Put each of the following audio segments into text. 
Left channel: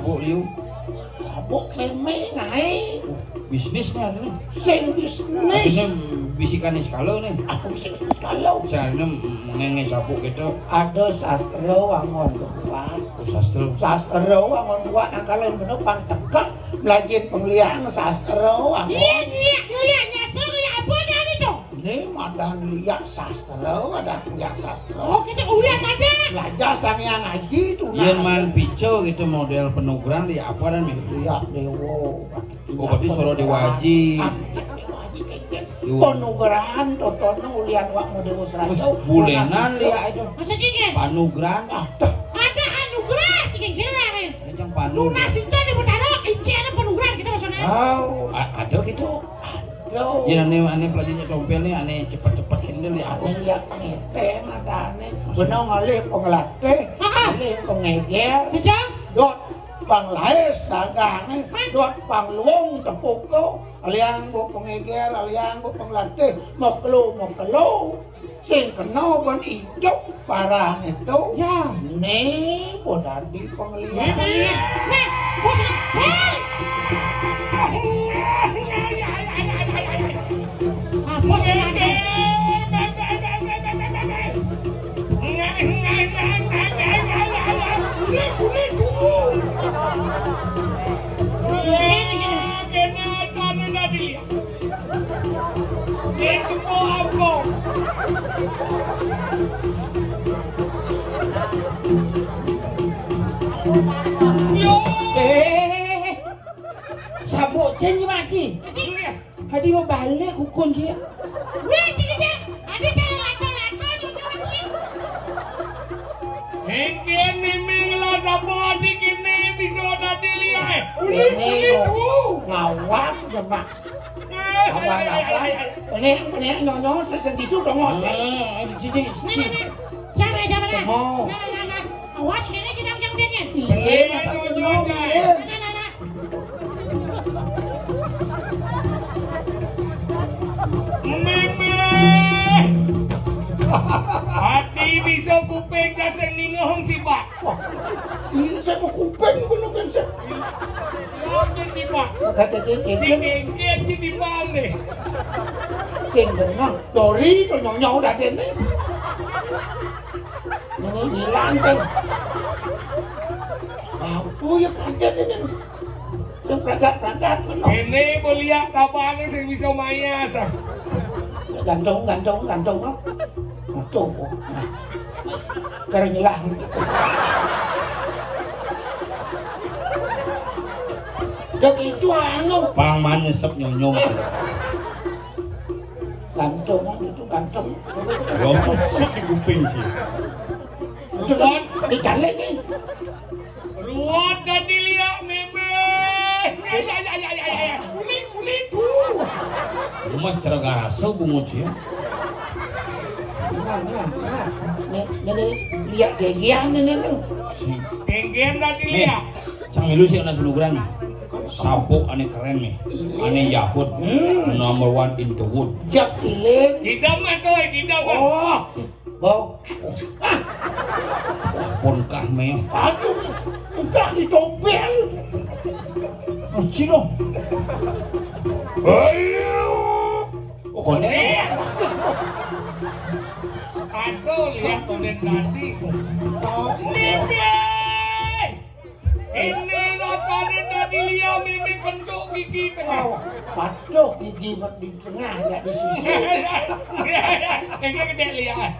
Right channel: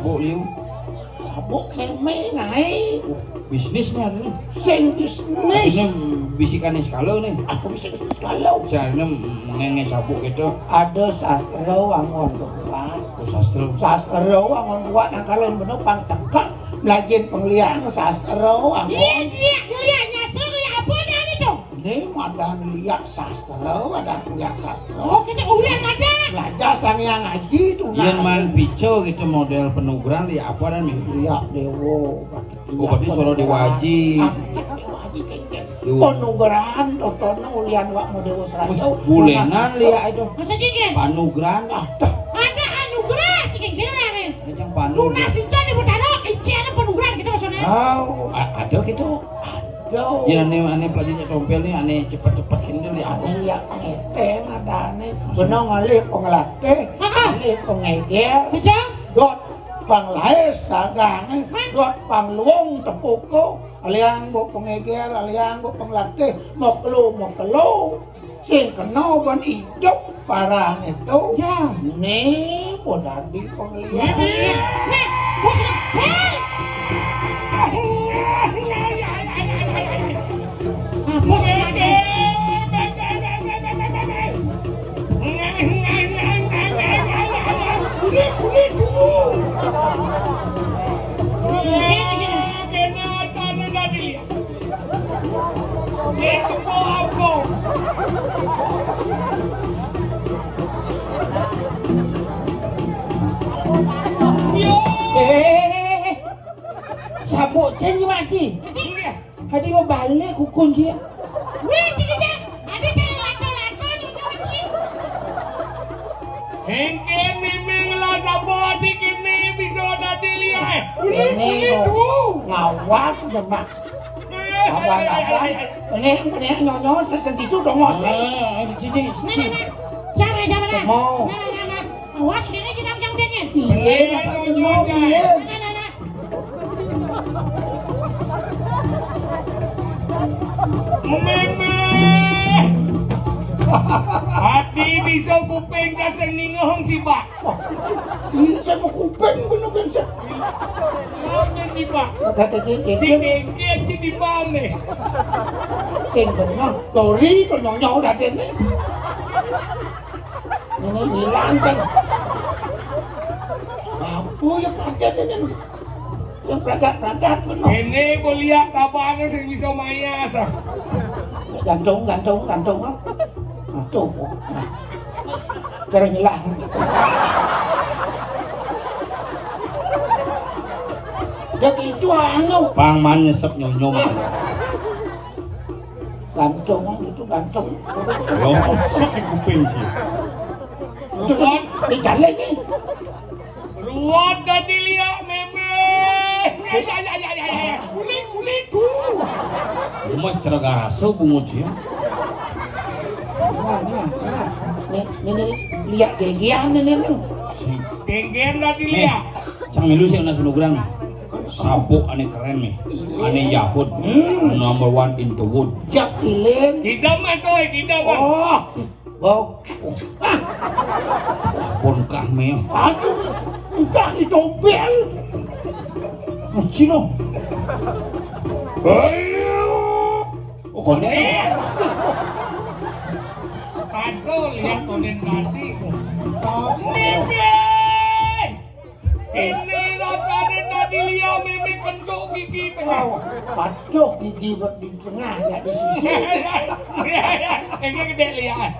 sabuk liu. Sabuk keme naik. Bisnisnya nih. Sing bisnis. Aslinya bisikan skala nih. Aku bisa kalau. Caranya mengenge sabuk gitu. Ada sastra wangon buat. Sastra wangon buat nah kalau bener pantegak lagi penglian sastra wangon. Iya, kuliahnya sastra kayak apa nih dong? Ini ada lihat sastra, ada lihat sastra. Oh, kita kuliah aja. Belajar sang yang ngaji tuh. Yen man pico gitu model penugaran di apa dan lihat dewo. Berarti suruh diwaji. Penugaran tontonan ulian wak model saya. Bulenan lihat itu. Masa cikin? Panugaran. Ada anugerah cikin kira ya. Ini yang panu. Lunasin jadi berdarah, inci ada penugaran gitu maksudnya. Oh, ada gitu. Yo. Ya aneh pelajarnya tompel nih aneh cepat-cepat gitu nih Aneh lihat ngeteng ada aneh. Bener ngalih pengelatih, ngalih pengeger. Sejak? Dot panglaes dagangnya, dot pangluong tepuko. Aliang bu pengeger, aliang bu pengelatih. Mokelo. Sing kena ban hidup parah itu. Ya. Nih, udah di penglihat. Nah, busuk. Bos ada. Sabuk ceng maci. Hadi mau balik kukun je. Weh, cik. Ada cara lato-lato lagi. Hengke memang lah sabuk di kini bisa tadi lihat. Ini ngawak demak. Abang. Ini nyonya sensitu dong mas. Cici. Jangan. Mau. Nah. Awas kene jenang jangdengnya. Pilih. Hati bisa kuping kasih ningohong si Pak. Ini saya mau kuping bener kan saya. Lawan si Pak. Kata Si kengkeng si di balik. sing bener. Tori to nyonya udah dene. Ini bilang kan. Aku ya kaget ini. Sing pragat bener. Ini kuliah apaan sih bisa mayas. Gantung kan. Tuh. Cara nyelah. Jadi itu anu. Pangman nyesep nyonyo. Gantung itu gantung. Oh, sik di kuping sih. Itu kan dicalek nih. Ruwet dan dilihat meme. Ya. Kulit. Rumah ceragara so bunguci. Ini lihat gegian ini. Si Kengkeng dan dilihat. Cang milu sih anak penugaran. Sabuk aneh keren nih. Aneh Yahud. Number 1 in the wood. Jak iling. Kidam atau kidam. Oh. Bau. Bonkah meo. Aduh. Entah di tombel. Cino. Ayo. Oh, konek. Aduh, lihat konen tadi. Meme. Ini rasanya tadi lihat meme kentuk gigi tengah. Pacok gigi di tengah enggak di sisi. Ini gede lihat.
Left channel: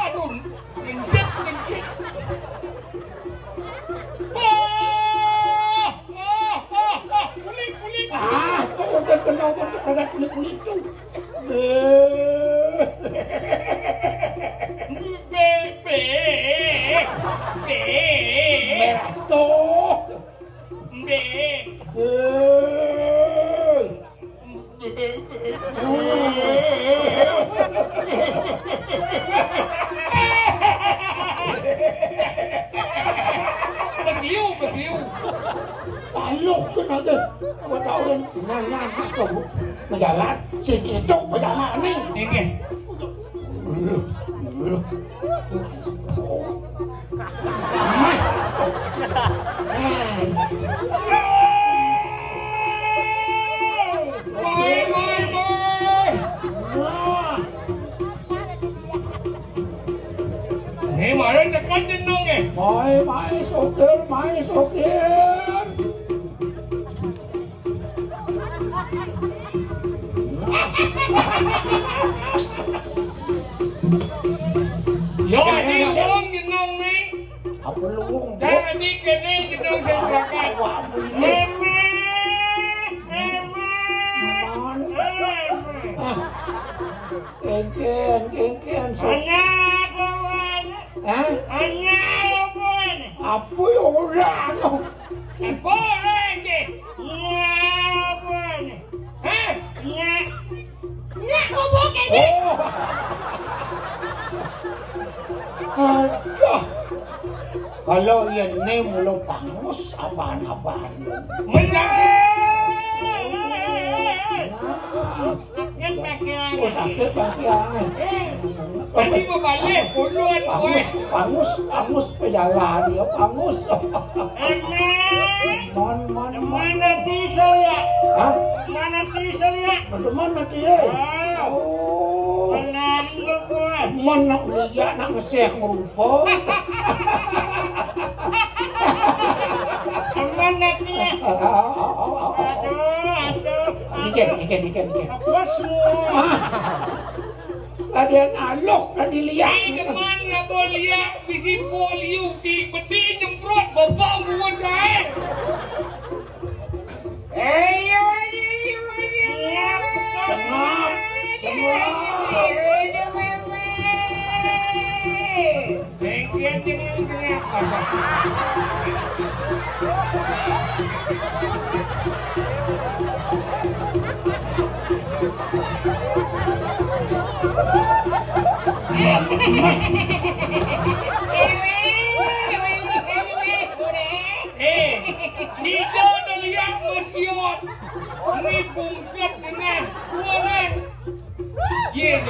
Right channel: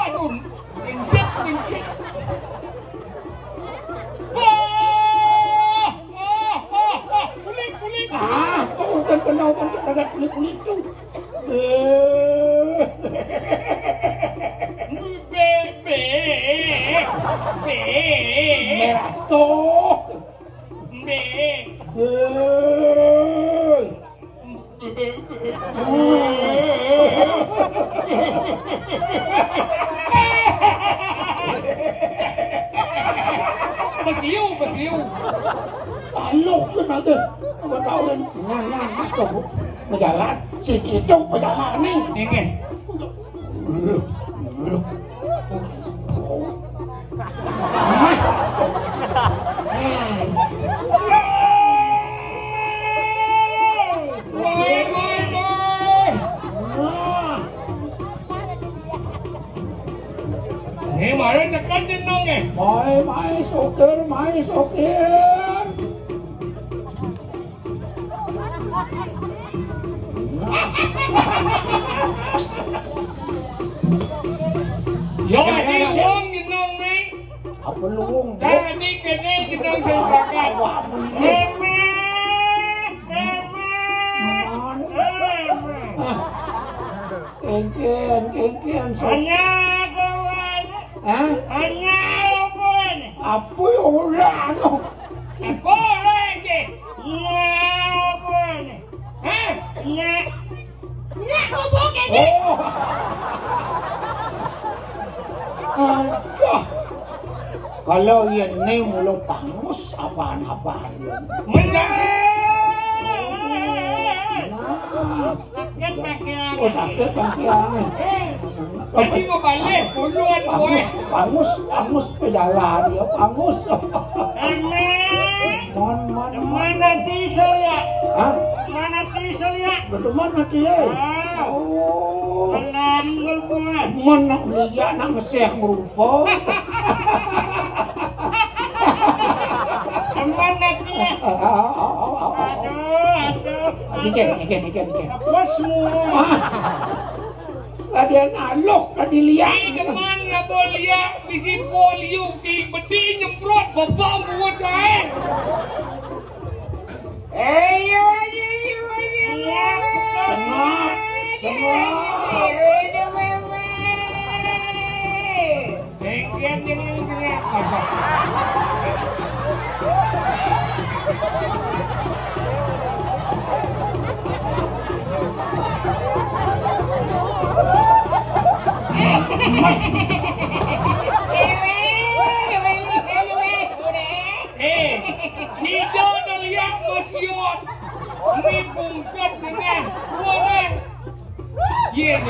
Aduh, mencet. Kulit. Tuh kan kenal kan ada kulit itu. Merah tuh. Besiu. Palok kan ada. Tahu kan nang itu. Berjalan, si itu berjalan nih. Ini. Mari cekat jeneng Mai sokir, mai sokir. Yo di wong jeneng ni. Apa luwung? Jadi kene jeneng sing bakat. Kengkian. Hanya kawan. Hah? Hanya kawan. Apa ulah tu? Boleh ke? Kawan. Hah? Nak bobo ke ni? Aduh. Kalau ini mulu pangus apaan-apaan yun. Sakit pakian. Sakit pakian. Tadi mau balik puluhan kowe. Pangus pejalan ya pangus. Mana diesel ya? Hah? Mana diesel ya? Mana dia? Oh. Pelan lo kowe. Mana lihat nak ngeseh merupa. Mana dia? Ikan. Apa semua? Tadi nalok, tadi lihat. Jangan ya bolia, bisi polium di bedi nyemprot babau buat saya. Ayo. Nido naliak masyot. Ini bungsat dengan boleh. Yes.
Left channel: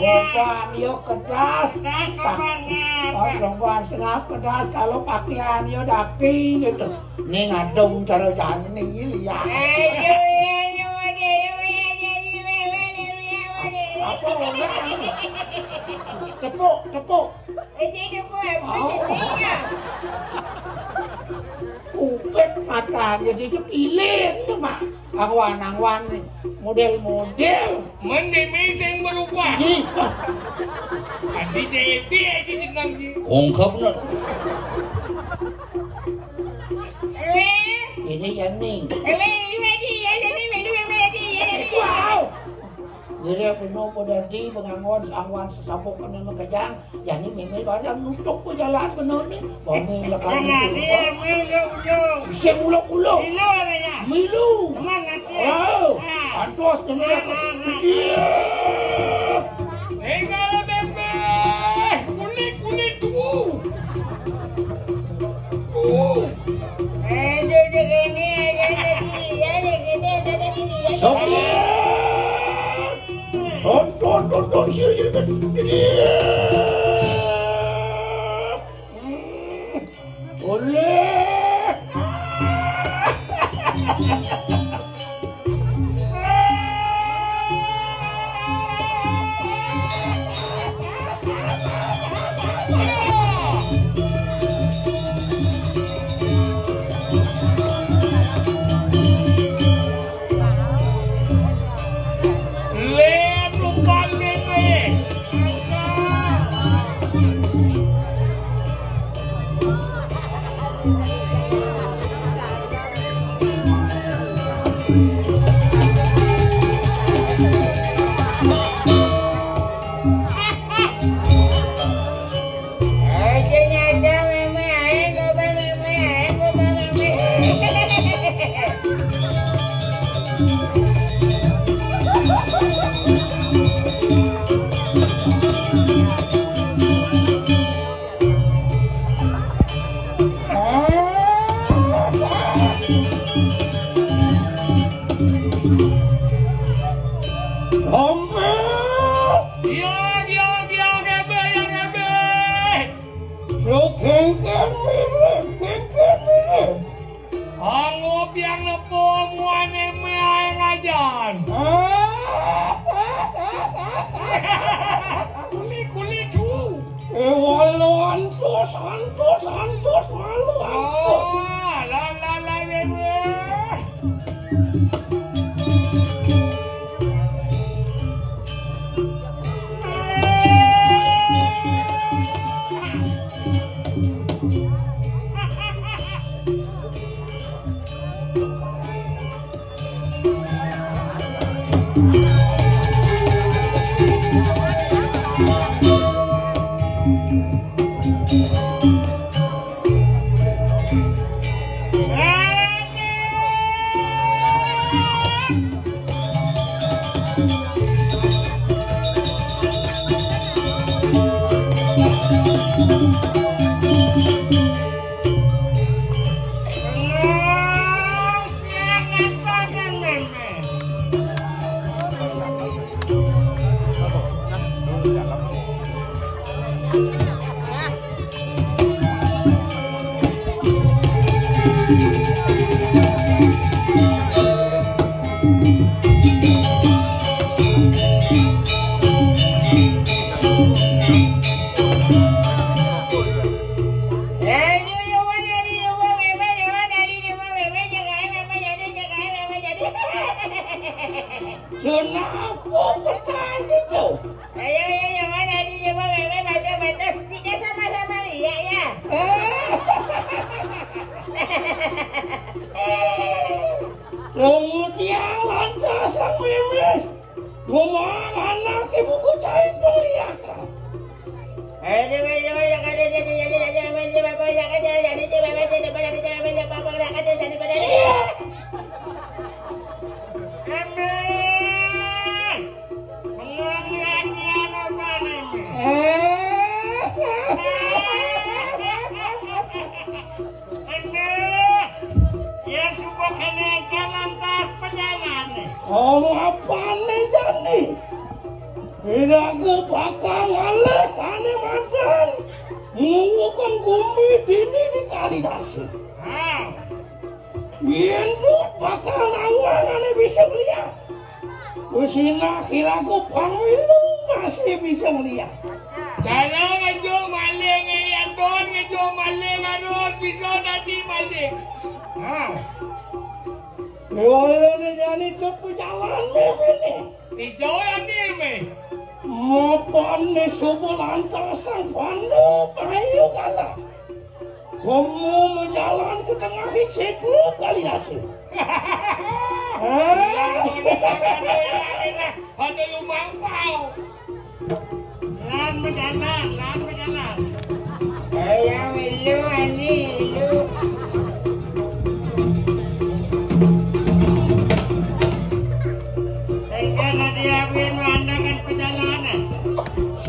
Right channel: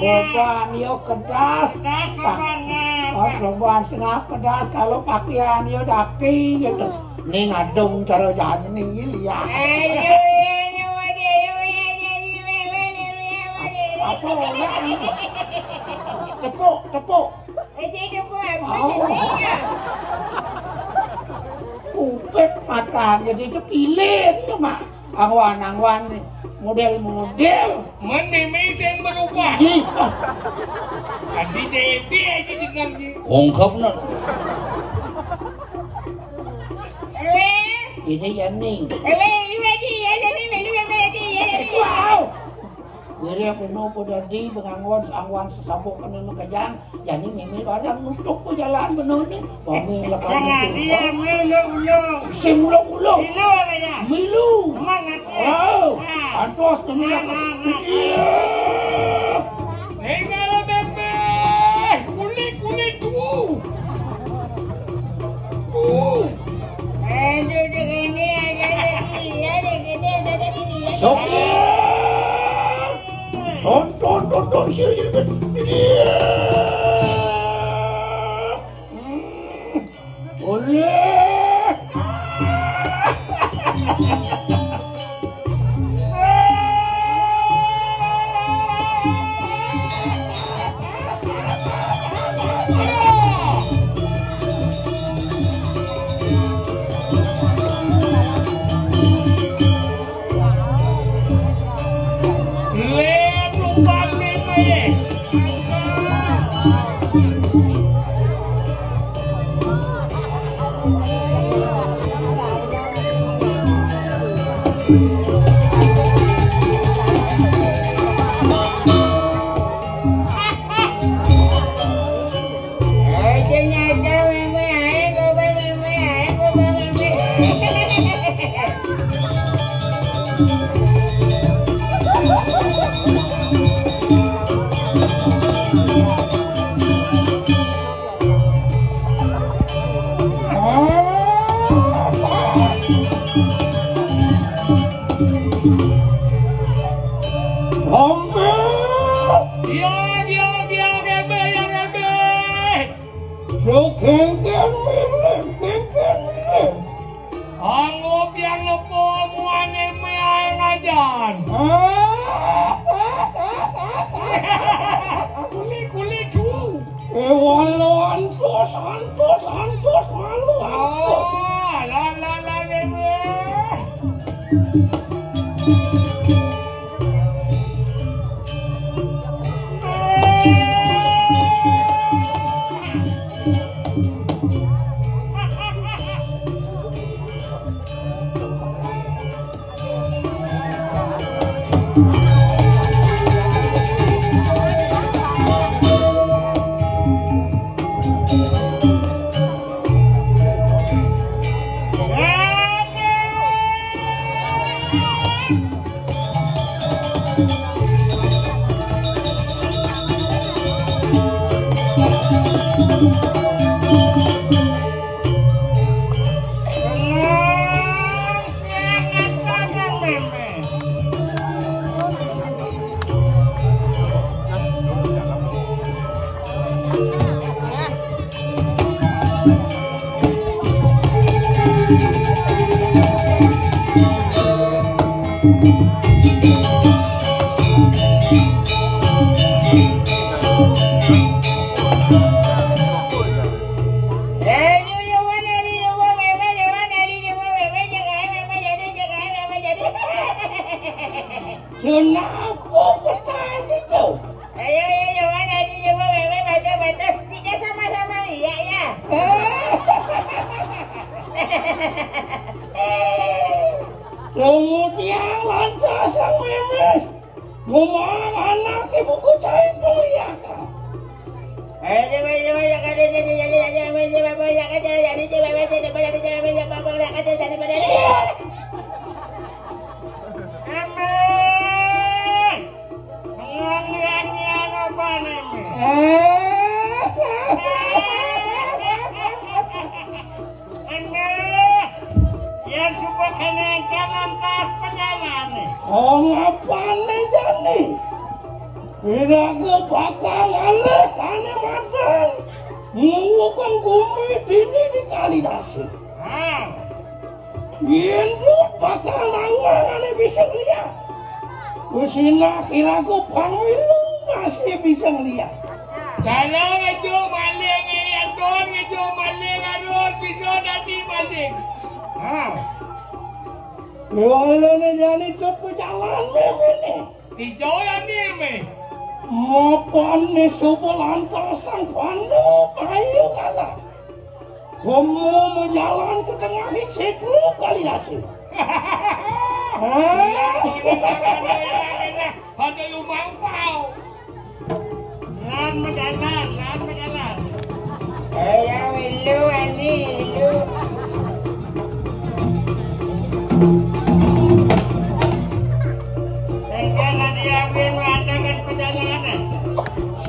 Perempuan yo kedas, perempuan setengah pedas kalau pakaian yo dapi gitu. Nih ngadung cara jalan nih lihat. Apa tepuk. Upet mata jadi itu pilih itu mah. Angwan model. Mana mesin berubah? Tadi jadi aja jenang ni. Ungkapna. Ini yang ning. Wow. Jadi aku mau dadi pengangon angwan sesabuk kena kejang. Jadi memang barang untuk ku jalan benar ni. Kami lekas. Dia melu. Semula. Milu. Wow. Antos ini lah. Engala bebe. Kulit tu. Tonton sini. Boleh. Kengken milih. Angop yang lepo muane mengajan. Kulit tu. Walau antus malu antus. La dene. Kemudian lantas sang memes ngomong anak ibuku cari peliakan. Yang suka kenaikan antar perjalanan. Oh apa nih Jani? Kira ke bakal ngalah ane mantan. Mengukukan gumi dini di Kalidasi. Gendut bakal nawang ane bisa lihat. Kusina kira ke pamilu masih bisa lihat. Dalam itu maling yang don itu maling harus bisa nanti maling. Yolah Jani cut berjalan memini. Itu yang dimi. Mapan ni subul antara sang pandu ayu kalah. Kamu menjalan ke tengah situ Kalidasi. Ada lubang pau. Lan berjalan. Saya milu ani lu.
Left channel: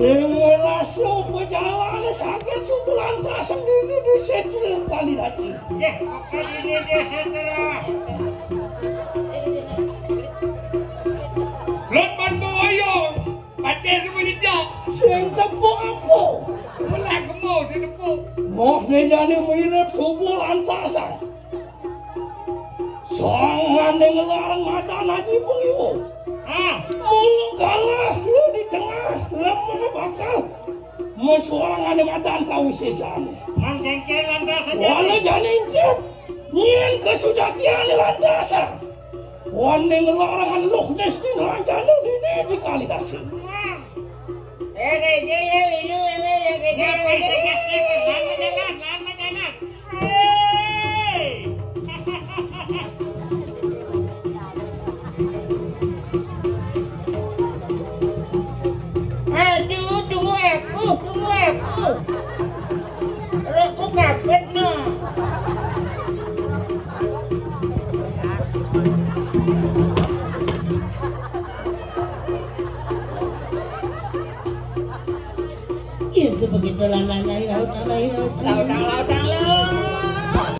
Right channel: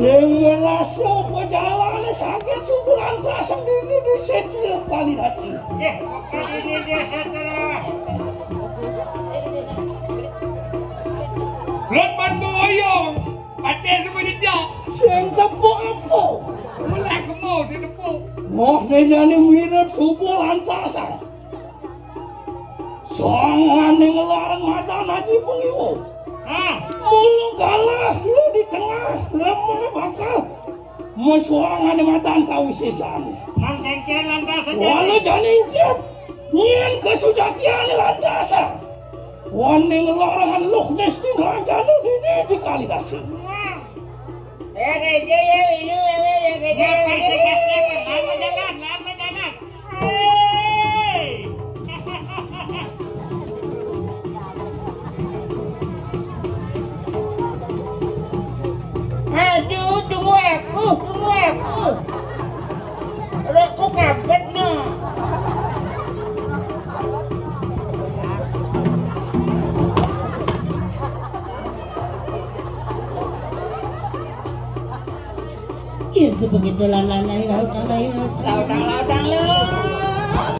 Sengerasa perjalanan sakit sebulan tak sendiri di setia Kalidasi. Ini dia setelah. Lepas boyong, ada sebenarnya. Seng tepuk apa? Melak mau sedepuk. Mos ni Jani mirip sebulan tak Sangan dengan larang mata naji pengiwu. Mulu galas dia di tengah lemah bakal mesuangan di matan kawisesan. Mangkengkel lantasan. Walau Jani injep nyen kesujatian lantasan. Wane ngelarangan loh nesting lanjanu dini di Kalidasi. Ya kerja ya itu Lama jalan. Aduh, tunggu aku. Aku kabut no. Ya sebegitu laut.